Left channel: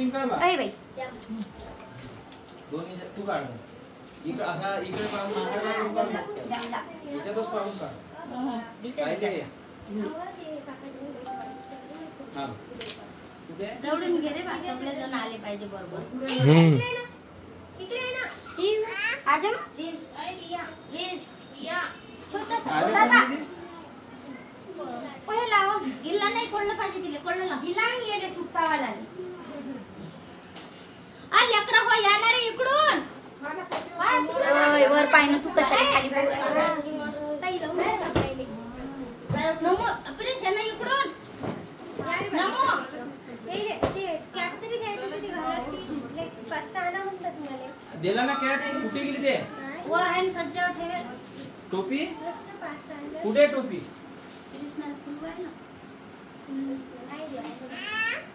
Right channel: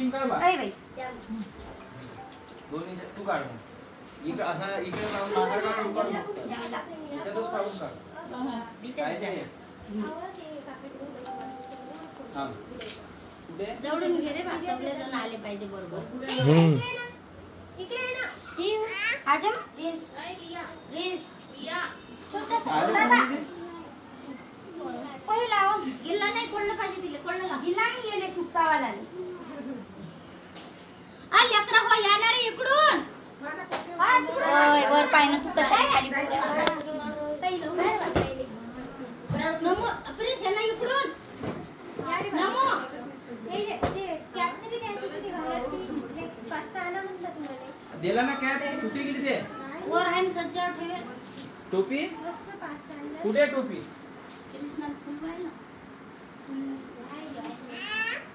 अरे बाई दोन्ही तू काढ इकडे असा इकडे बाहेर काढून याच्यातच काढून काढ काय ते जवळून घे रे बा सगळे जण आले पाहिजे बरोबर इकडे ना ती आजम रील्स पहिला गिल्ला नाही कोणलं पाहिजे तिले कोणलं गिल्ला नाही गेले सुक्तावाला आ लेकरा हो येणार रे इकडून वर पाय ना तू कशाला खाली नमो अपने छेना इकडून नमो दिला ना कॅप कुठे गेली ते वर आहे सज्जावर ठेवेल टोपी कुठे टोपी कृष्णाला फुल आहे ना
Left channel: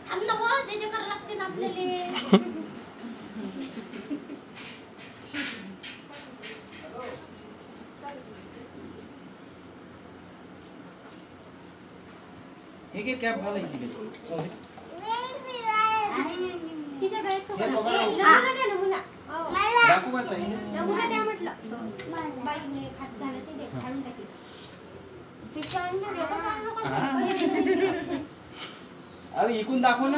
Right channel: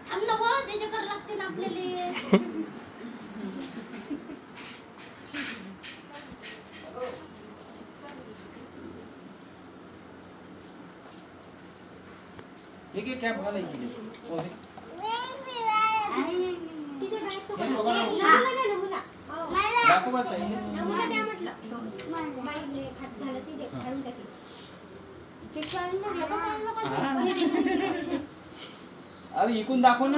थांब ना हो जे जे करावं लागते ना आपल्याला हे कॅप घालायची अरे इकून दाखव ना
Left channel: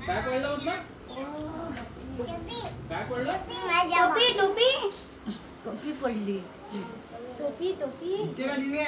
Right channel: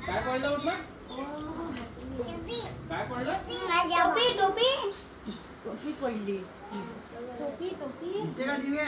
काय पडलं म्हटलं काय पडलं टोपी टोपी टोपी पडली टोपी टोपी दिसते का दिव्या